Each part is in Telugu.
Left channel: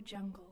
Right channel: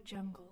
jungle.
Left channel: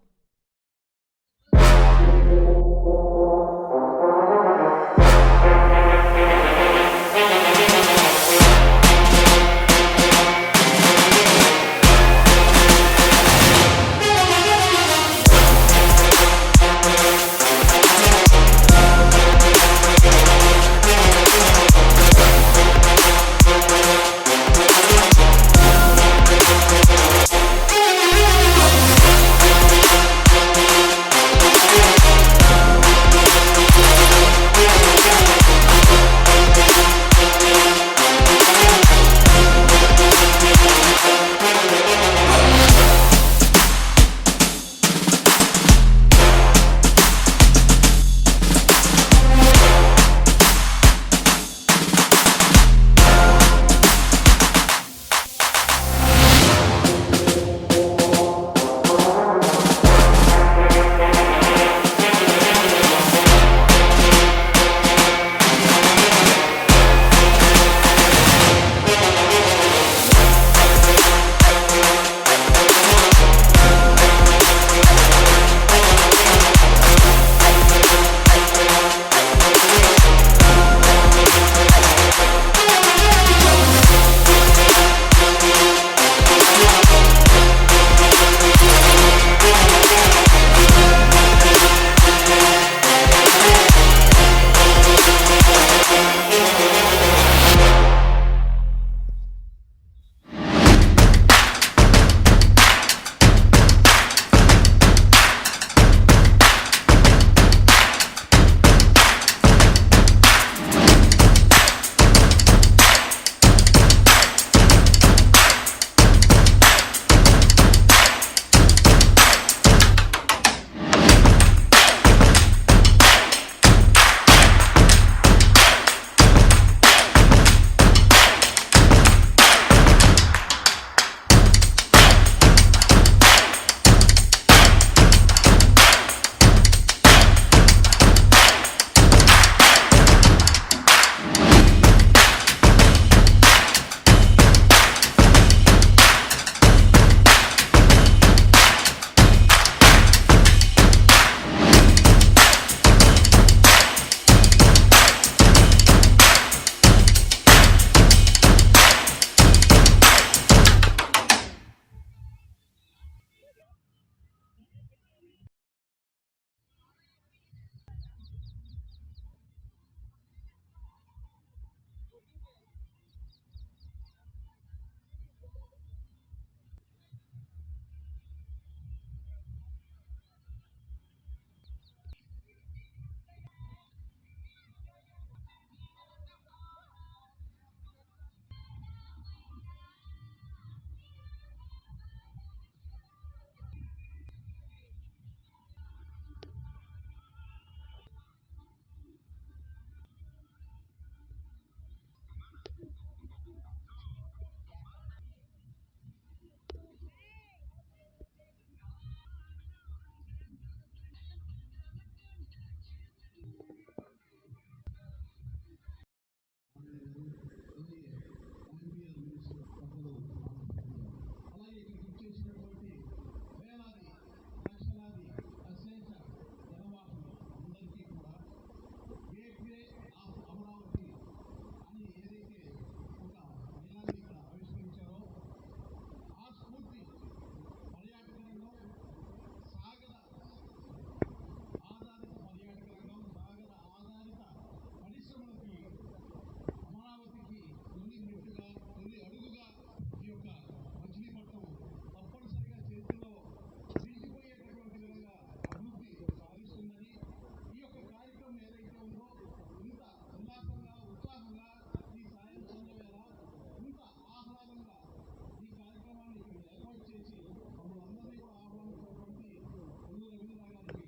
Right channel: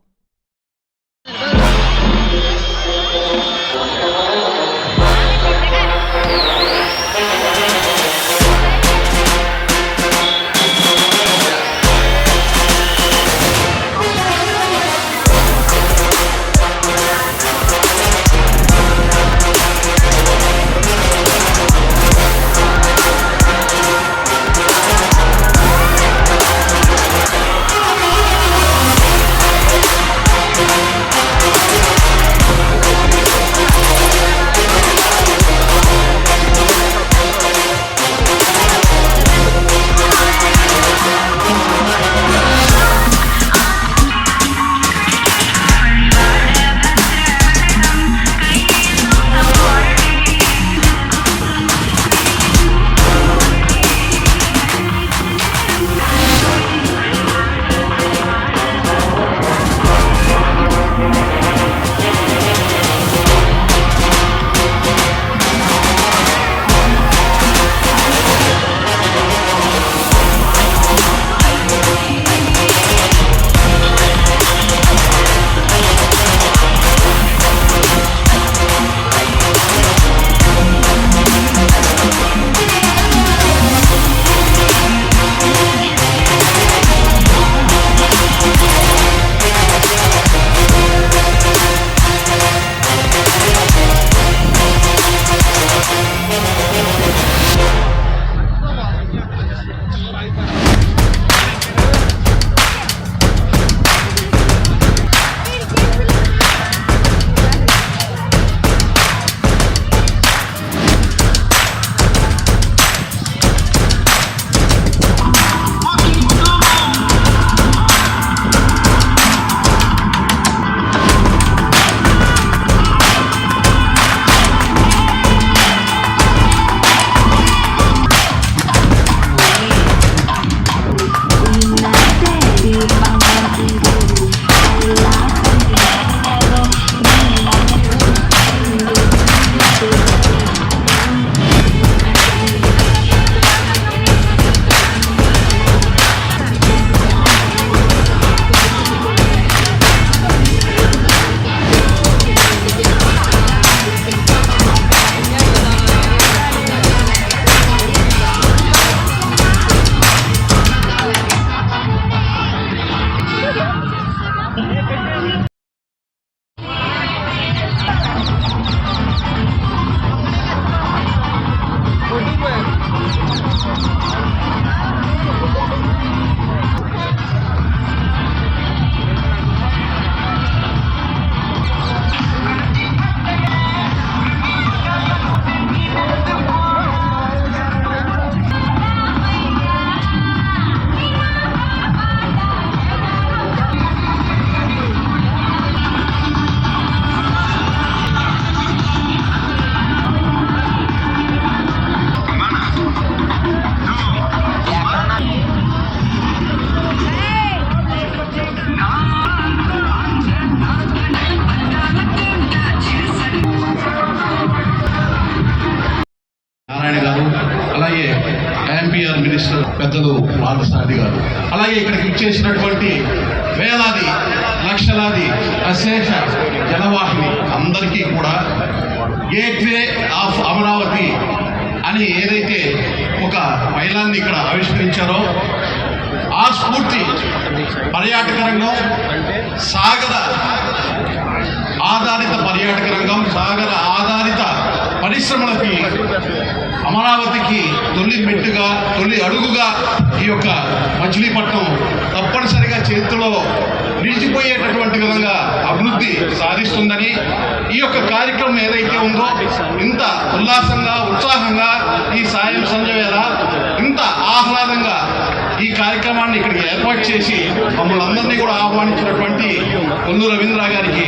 ఇక్కడికి ఇచ్చేసినటువంటి వేలాది లక్షలాది అశేష జనవాహిని అందరికీ కూడా గేట్వే ఆఫ్ అమరావతి అని ఏదైతే ఒక మైలాన్ని ఇక్కడ ఆవిష్కరించారో ఆ స్ఫూర్తి పర్యాటక రంగం సాగర ఆధారిత పర్యాటక రంగం సాగర ఆధారిత పరిశ్రమలకి అమరావతికి తొలి మెట్టుగా తొలి అడుగుగా ఈ యొక్క మచిలీపట్నం తప్పనిసరిగా చేతిలో నిలిచిపోయేటటువంటి విధంగా అభివృద్ధి సాధిస్తుందని ఈ యొక్క కార్యక్రమం ఏదైతే ఉందో ఇంత ఉల్లాసంగా ఉత్సాహంగా ఈ సాయం సంధ్య ఇంత ఆహ్లాదంగా ఈ కార్యక్రమాన్ని ఇక్కడికి ఏర్పాటు చేసి మమ్మల్ని అందరినీ కూడా ఆహ్వానించినటువంటి కొల్లు రవీంద్ర గారికి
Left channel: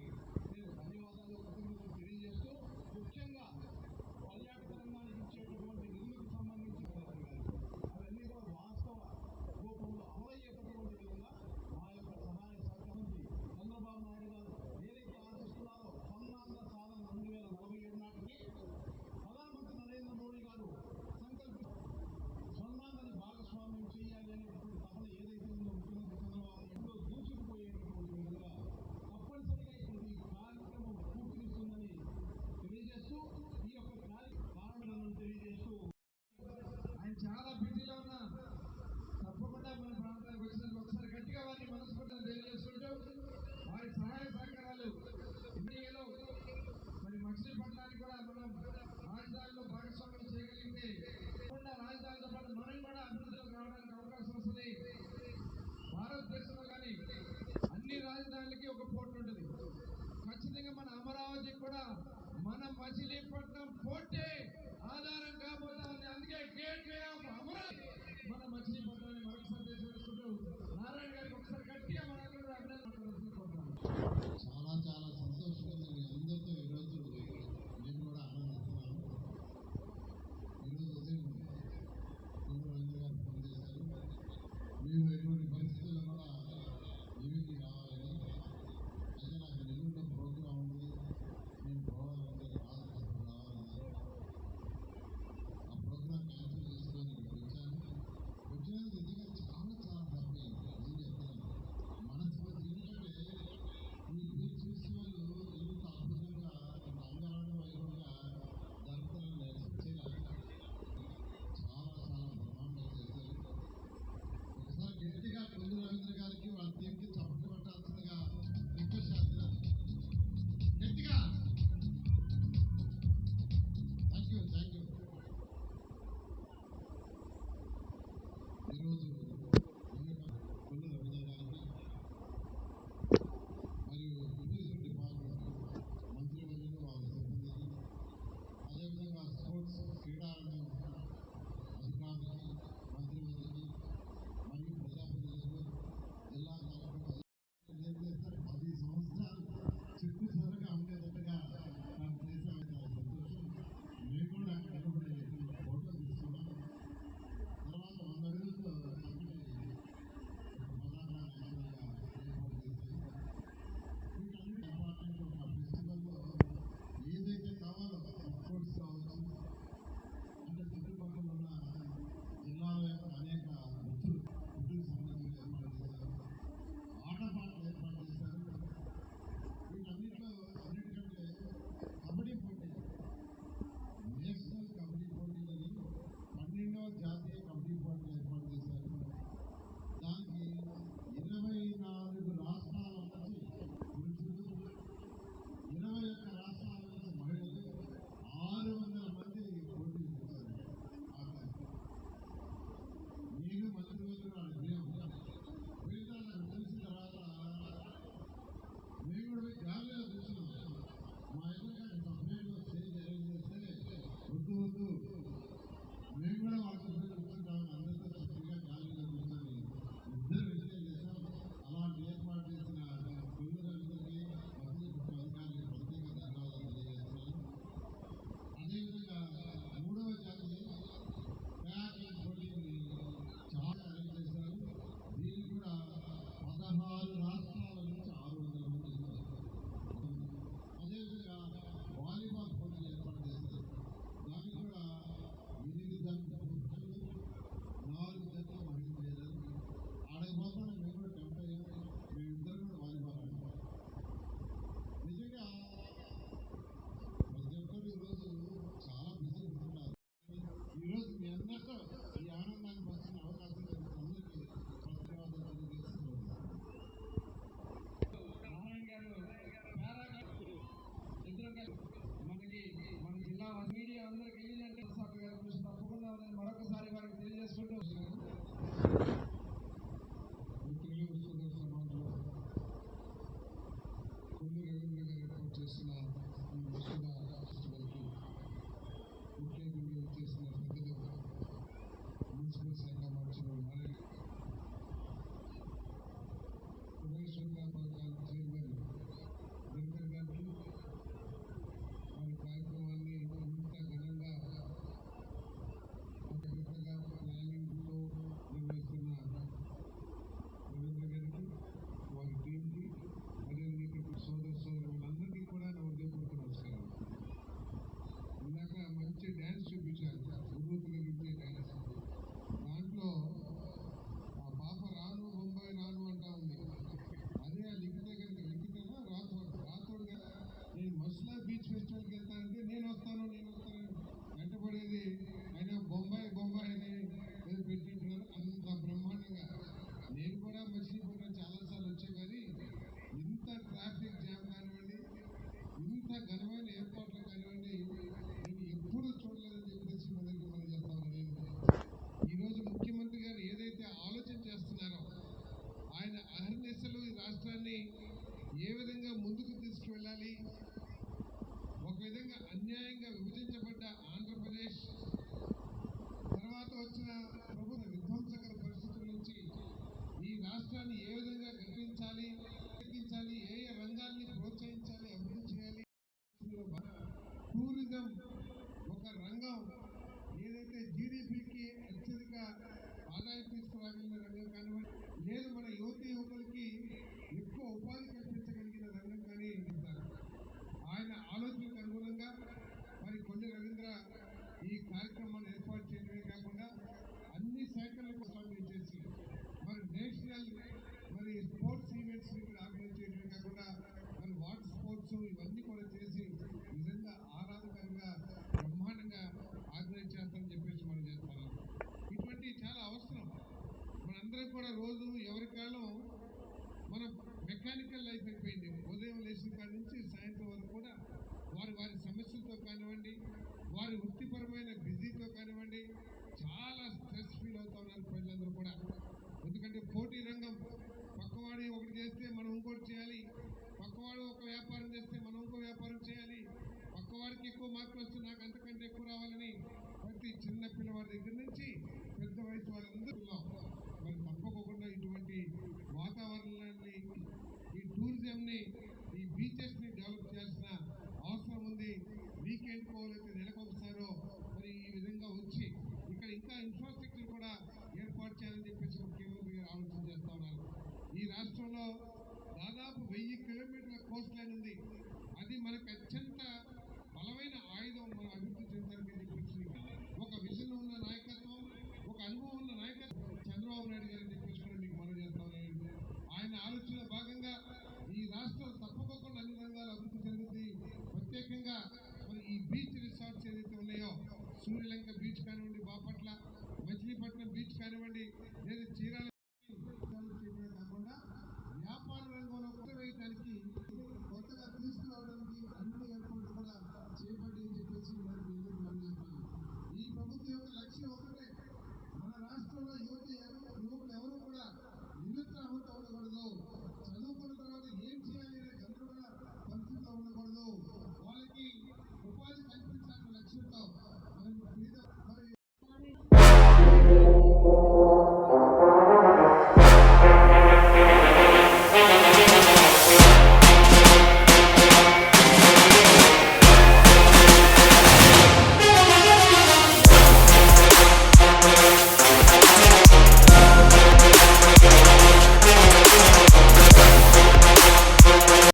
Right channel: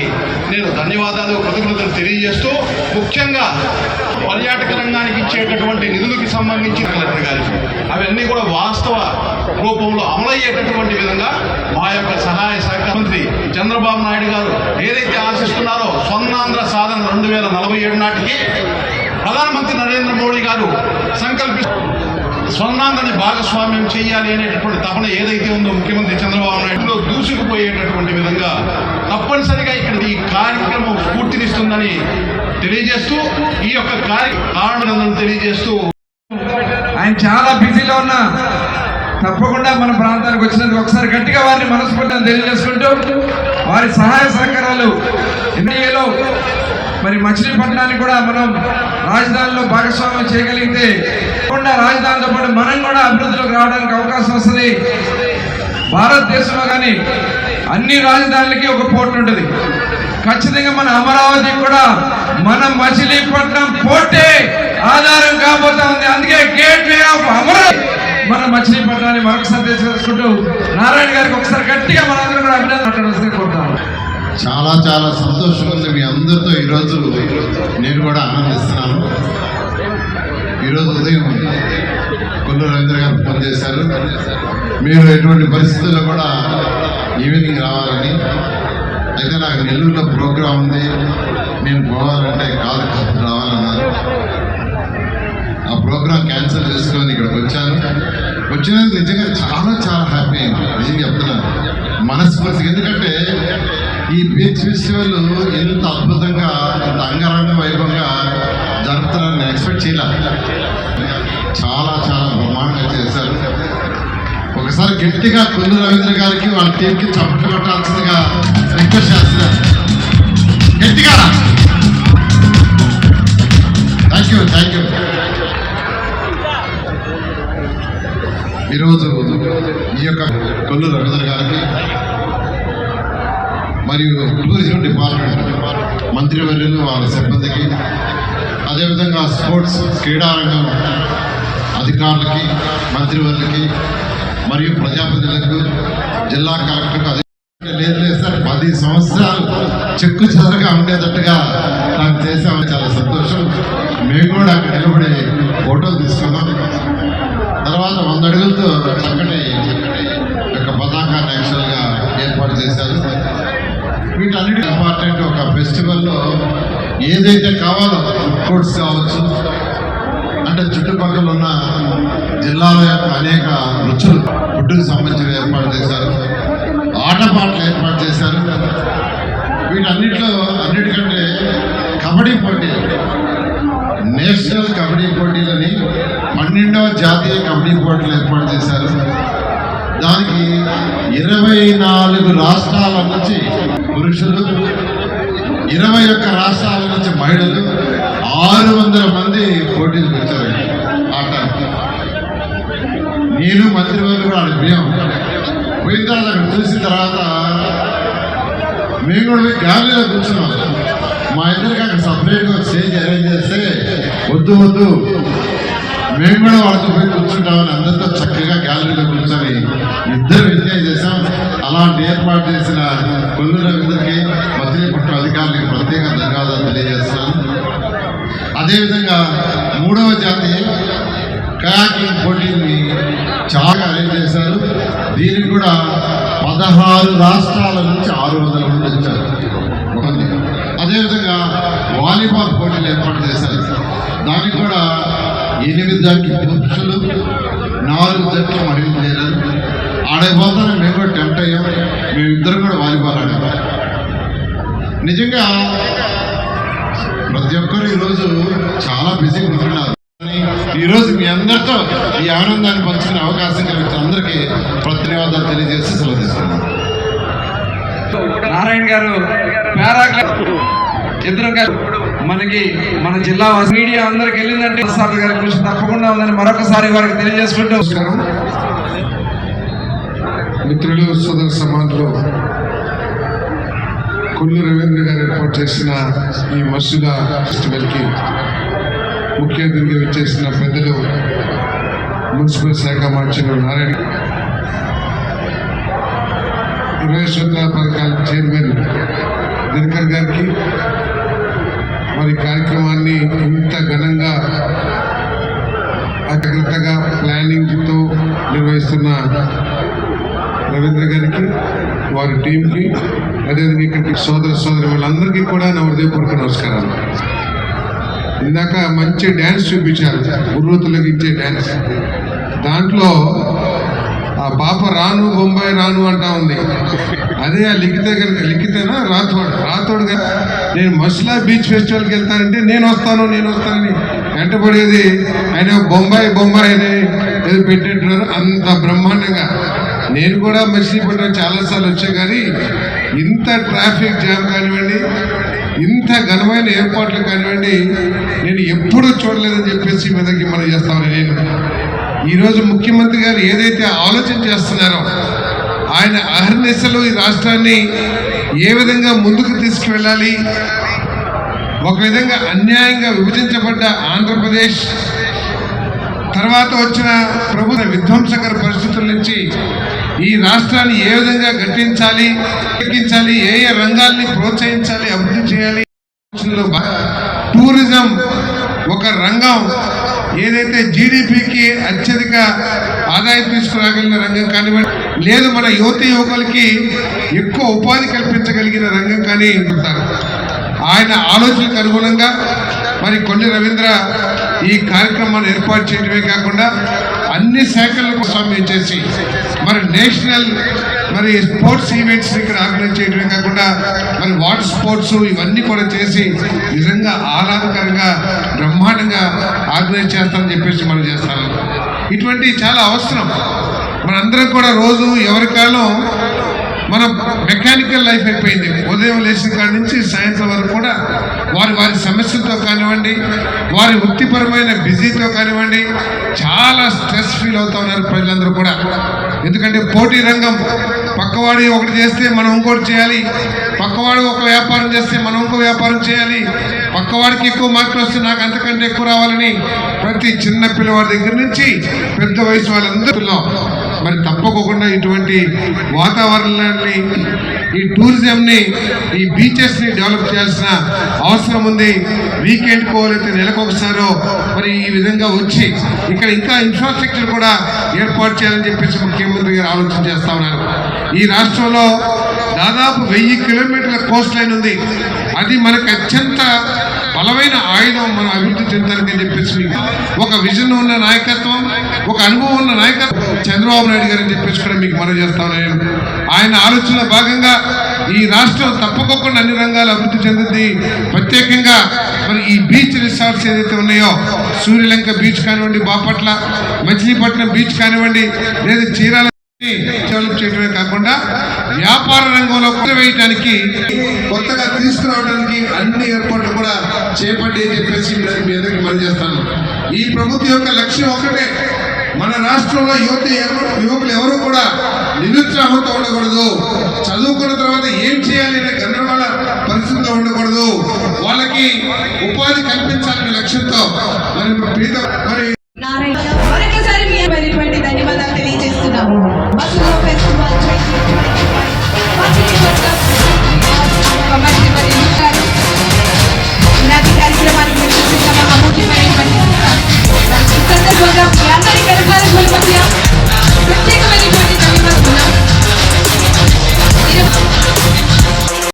నేను ధన్యవాదాలు కృతజ్ఞతలు తెలియజేస్తూ ముఖ్యంగా పర్యాటక రంగానికి ఇచ్చేటటువంటి నిధులకు సంబంధించి కలెక్టర్ గారికి అవన్నీ కూడా వాస్తవ రూపంలో అమలయ్యేటటువంటి విధంగా మా యొక్క సహాయ శాఖ మంత్రి చంద్రబాబు నాయుడు గారు ఏదైతే ఆశిస్తున్నారో స్వర్ణాంధ్ర సాధన రెండు వేల నలభై ఏడు నాటికి ప్రధానమంత్రి నరేంద్ర మోడీ గారు సంకల్పి స్వర్ణాంధ్రని భాగస్వామ్యం చేయాలి అనేటటువంటి తపన ఏదైతే ఉందో ముఖ్యమంత్రి చంద్రబాబు నాయుడులో దూసుకుపోయేటటువంటి విధంగా తప్పనిసరిగా ఇక్కడ ఈ కార్యక్రమం స్ఫూర్తినిస్తుందని తెలియజేస్తూ ఈ యొక్క కార్య తెలియజేస్తూ ఆయన చాలా బిజీలో ఉన్నా తప్పకుండా మన ప్రాంతానికి వచ్చినందుకు ఒకసారి గట్టిగా వారిని మనస్ఫూర్తిగా తెలియజేసుకుంటూ వారి సహాయ సహకారాలు ఎన్డీఏలో మరి మచిలీపట్నానికి కూడా మనం రాజధానిలో భాగస్వామ్యం చేయగలిగితే తప్పకుండా రాజధానితో పాటు మనం కూడా అభివృద్ధిలోకి రావడానికి అవకాశం వస్తుంది. భారతదేశంలో కానీ అన్ని రాజధానులకి ఒక పోర్ట్ ఉంటుంది. ఖచ్చితంగా మన అమరావతి కూడా మన మచిలీపట్నం పోటే ఆధారం కాబోతా ఉంది. అందుకే గేట్ వే ఆఫ్ అమరావతి. మన మచిలీపట్నాన్ని మరొకసారి తెలుసుకుంటూ నారాయణ గారికి ఒకసారి గట్టిగా మనందరం కూడా అభినందన మాట్లాడాల్సింది చాలా చాలా సంతోషంగా ఉంది మీ అందరితో ఈరోజు నేను కూడా ఆనందిస్తున్నాను. ఈరోజు ఉదయం కొల్లు రవీంద్ర గారు ఫోన్ చేశారు. మీరు ఎటువంటి పరిస్థితుల్లో కూడా ఈవినింగ్ రావాలని అయితే నాకు నెల్లూరులో ప్రోగ్రాం ఉంది. నేను పోవాలంటే కాదు కాదు రావాలన్నారు ఆ ప్రోగ్రాం క్యాన్సిల్ చేసుకొని ఇక్కడికి వచ్చాను. వచ్చినందుకు నిజంగా చాలా చాలా హ్యాపీ అయింది. నిజంగా చెప్తున్నాను మనస్ఫూర్తిగా. ఎందుకంటే ఈ బీచ్ ఫెస్టివల్ ఎంత అద్భుతంగా ఇంత అంగరంగ వైభవంగా జరుపుతారని ఎక్స్పెక్ట్ చేయాలి. చాలా చాలా బ్రహ్మాండంగా చేశారు. ఒకసారి గట్టిగా కొల్లు రవీంద్ర గారికి వాళ్ళ టీంకి చప్పట్లు కొట్టాల్సిందిగా రిక్వెస్ట్ చేస్తున్నారు. గట్టిగా థ్యాంక్ యూ థ్యాంక్ యూ ఈరోజు ఈ యొక్క కొల్లు రవీంద్ర గారికి మరియు టూరిజం డిపార్ట్మెంట్ మంత్రివర్యులు వాళ్ళ సిబ్బందికి అదేవిధంగా స్పోర్ట్స్ క్రీడారంగం అధికారులకి మంత్రివర్యులకి మరియు ప్రజాప్రతినిధులకు జిల్లా కలెక్టర్కు అదే లేదు లేదు సార్. పది సంవత్సరాలు చెక్కు చెదరగా ఉండేటట్టుగా నాకు చేసామని చాలా సంతోషం. మేము కూడా అక్కడ నిలబడి ఫోటోలు తీసుకున్నాం తర్వాత వంద అడుగులతో చక్కటి యొక్క పతాకాన్ని యాక్చువల్గా ఏర్పాటు చేశారు వీటన్నిటి ఇంపార్టెంట్ ఒక ఫెస్టివల్లో ఏదైతే కావాలో ఫుడ్ కోర్ట్స్ కావచ్చు అంటే చుట్టుపక్కల ఉన్న జిల్లాల యొక్క అనేక రుచులు ఫుడ్కి సంబంధించిన ఏర్పాటు చేశారు. ఆటపాటలు ఏర్పాటు చేశారు. వీటన్నిటిలో అన్నిటికంటే కబడ్డీ పోటీలు నేషనల్ కబడ్డీ పోటీలని పన్నెండవ జాతీయ కబడ్డీ పోటీలు ఏర్పాటు చేశారు. దానికి ఇరవై నాలుగు రాష్ట్రాల నుంచి పురుషులు ఇరవై ఒక్క రాష్ట్రాల నుంచి మహిళలు ఆరు వందల మంది పోటీలు పెట్టారు నేను మంత్రి వారు కూడా ఆడ పోయాం పోయిన తర్వాత అక్కడ చూసిన తర్వాత మేము కూడా పోయి గాలిలో కూర్చున్నాం. మా ఇద్దరికి అక్కడ సపరేట్గా స్టేజ్ అరేంజ్ చేస్తే వద్దు వద్దు. మేము కూడా వాళ్ళతో పోయి కూర్చుంటామని అందరితో చక్కగా గ్యాలరీలో కూర్చొని ఇద్దరు ఎంజాయ్ చేసాం అలాంటి ఏర్పాటు చేసిన కొల్లు రవీంద్రకి మచిలీపట్నం అధికారులకి ప్రత్యేక ధన్యవాదాలు తెలియజేస్తున్నాను. అదేవిధంగా మూడవ జాతి కయాకింగ్ పోటీని చాలా అరేంజ్ చేశారు. దీనికి కూడా పదహారు రాష్ట్రాల నుంచి ఆరు వందల మంది వచ్చారు. అదేవిధంగా వాలీబాల్ పోటీలు ఏర్పాటు చేశారు. దానికి కూడా ఎనిమిది జట్లు పురుషులు నాలుగు జట్లు మహిళలు చేరారు. ఆడైపోతాను మేము కూడా టెంప్ట్ అయ్యాం. మేమిద్దరం కూడా వాలీబాల్ ఆడాం. నిజంగా ప్రతి ఒక్కరు ఈరోజు చాలా బిజీగా ఉంటున్నారు. ఈరోజు మీ అందరితో ఈ ఆనందాన్ని పంచుకునే అవకాశం కలిగించిన అందరికీ ధన్యవాదాలు తెలియజేసి సెలవు తీసుకున్నాను నారాయణ గారు ఇద్దరు గారు మనకి మన జిల్లా వాసి- మీడియా అందరికి వెళ్ళిందంటే సార్ గారి కృషి తప్పకుండా ఉందని మరొకసారి వారికి తెలియజేసుకుంటూ మిత్రులు సోదర సమాజంలో కొల్లు రవీంద్ర గారు ఏర్పాటు చేసిన ఈ మసూద ఫెస్టివల్కి ముఖ్య అతిథిగా వచ్చేసిన పెద్దలు మున్సిపల్ శాఖ మంత్రులు నారాయణ ఇరవై పథకాల చైర్మన్ దినకర్ గారికి మరి కార్యక్రమాన్ని ఇంత ఘనంగా అగ్రతగా ప్లానింగ్తో నిర్వహిస్తున్న రవీంద్ర గారికి వారి టీంకి అదేవిధంగా ఇక్కడికి సోదర సోదరి వాళ్ళందరికీ కూడా నా హృదయపూర్వక నమస్కారాలు. ఇందాక మంచి డ్యాన్స్ చూపించారు. గుర్రు తొలగించే డ్యాన్స్ దాంట్లో ఆ పాప రాను బొంబాయి రాను అంటా ఉంది. అదే ఆ లిఖిత కనుక లిఖితేనా? రాథోడ్. రాథోడ్ నేను మస్లా బీచ్ ఫెస్టివల్కి వెళ్తానంటే నేను వస్తాను నేను వస్తానని వెంటబడేది ఆయన బొంబాయి బొంబాయి అని ఏదో పెట్టేట్టున్నారు అంత బ్రహ్మాండంగా. నేను కూడా మచిలీపట్నం చాలాసార్లు వచ్చా కానీ ఇంత ట్రాఫిక్ జామ్ కానివ్వండి ఇంత ఘనమైన ఏర్పాట్లు కానివ్వండి నేను ఎప్పుడూ చూడలేదని చెప్పేసి మీదకి మనం చేస్తామని నేను ఈరోజు ముఖ్యమంత్రి గారు ఏదైతే ఆలోచన చేస్తున్నారో ఆయన అహర్నిశలు ఈ రాష్ట్రాన్ని ఏ విధంగా ముందుకు తీసుకువెళ్ళాలి ఒక విధంగా అన్యాయంగా విభజించబడ్డ ఆంధ్రప్రదేశ్ తర్వాత వచ్చిన ప్రభుత్వ విధ్వంసకర పరిస్థితుల నుంచి ఈ రాష్ట్రాన్ని ఏ విధంగా గట్టించాలి గట్టించాలి ఏ ఏ రంగాల్ని ప్రోత్సహించాలి అభివృద్ధి చేయాలి టూరిజం ఒక రంగం. ఏదైతే జీడిపికి అత్యధిక ఆదాయం తీసుకురాగలిగిన రంగం కానివ్వండి లేదు మన యువత యువకులకి ఎక్కువ ఉపాధి కల్పించగలిగిన రంగం కానీ ఉంటారు ఆయన ఆలోచనకు అనుగుణంగా మరి కొన్ని రవీంద్ర ఈ కార్యక్రమాన్ని ఏర్పాటు చేయడమే కాకుండా అన్ని శాఖలకు సమయం చేసి మరి నేషనల్ మరి స్పోర్ట్స్ ఈవెంట్స్ ఇక్కడ ఆర్గనైజ్ చేయడమే కాకుండా మరి వాటర్ స్పోర్ట్స్ ఇవన్నీ కూడా చేసి నిజంగా ఆహ్లాదకరంగా బ్రహ్మాండంగా ఆర్గనైజ్ చేస్తామని చెప్పేసి మనం చేస్తాను ఇటువంటి చాలా అవసరం. మనందరం కూడా రోజు ఎవరి కాలం మన మెకానికల్ లైఫ్ అయిపోయింది. ఉదయం లేచిన కాడ నుంచి సాయంత్రం వరకు కూడా వారి వారి సమస్యలతో కానివ్వండి వారి వృత్తిపరమైన బిజీతో కానివ్వండి చాలా స్ట్రెస్ ఫీల్ అవుతా ఉన్నారు ప్రజలందరూ కూడా. ఎందుకంటే పోటీ రంగం పక్కవాడి ఒకటి చేస్తే మనం ఇంకోటి చేయాలి. పక్కవాడు ఒక వ్యాపారం చేస్తే మనం ఇంకో వ్యాపారం చేయాలి. పక్కవాడికి ఎక్కువ మార్కులు వస్తే నాకు అంతకంటే ఎక్కువ రావాలని ప్రతి చిన్న పిల్లవాడి దగ్గర నుంచి పెద్ద వయసు వాళ్ళందరిలో మరి తప్పకోకుండా ఇటువంటి వాతావరణాన్ని ఈ టూరిజంని ఈ బీచెస్ని డెవలప్ చేయాల్సిన అవసరం ఉంది. వీకెండ్ కోవాలైతే నెలకు ఒకసారో మరి ఈ విధంగా వచ్చి ఇక్కడ ఇంకా ఇన్ఫ్రాస్ట్రక్చర్ కూడా ఏర్పాటు చేయాలని చెప్పేసి ముఖ్యమంత్రి గారు ఆలోచన చేస్తా ఉన్నారు. ఈ రాష్ట్రంలో దాదాపు వెయ్యి కిలోమీటర్ల కోస్ట్ లైన్ ఉంది. అది మనకు అత్యంత బలమైన ఆయుధం మనం అభివృద్ధి చెందడానికి అని చెప్పేసి మీకు ఒక విజన్ ఉన్న నాయకత్వం ఒక అనుభవం ఉన్న నాయకత్వం చంద్రబాబు నాయుడు గారు అని చెప్పేసి కూడా మీకు మనం చేస్తాను నేను ఆయన ఆలోచనలో భాగంగా ఈ రాష్ట్రం తప్పకుండా అన్ని రంగాలు అభివృద్ధి చెందుతుంది ప్రత్యేకంగా మరి ఈ బీచ్ రిసార్ట్స్ ఏదైతే ఉన్నాయో సూర్యలంక బీచ్ కానివ్వండి బాపట్ల మచిలీపట్నం బీచ్ కానివ్వండి లేదా చీరాల డెవలప్ చేయడమే కాకుండా వ్యాపార రంగంలో వేయటానికి కొత్తగా తీసుకురావడానికి అన్ని ఏర్పాట్లు కూడా చేపట్టి చెప్పేసి మీ అందరికీ మనం చేస్తాను. ఈ ప్రభుత్వం యొక్క లక్ష్యం ఒకటే మన రాష్ట్రంలో యువత యువకులు ఎవరు కూడా నిరుత్సాహంతో ఉండకూడదు. చదువుకున్న తర్వాత ఏం చేయాలి అనే గందరగోళ పరిస్థితిలో ఉండకూడదు. వాళ్ళకి ఉపాధి కల్పించాలనే లక్ష్యంతో మరి ప్రీత మరి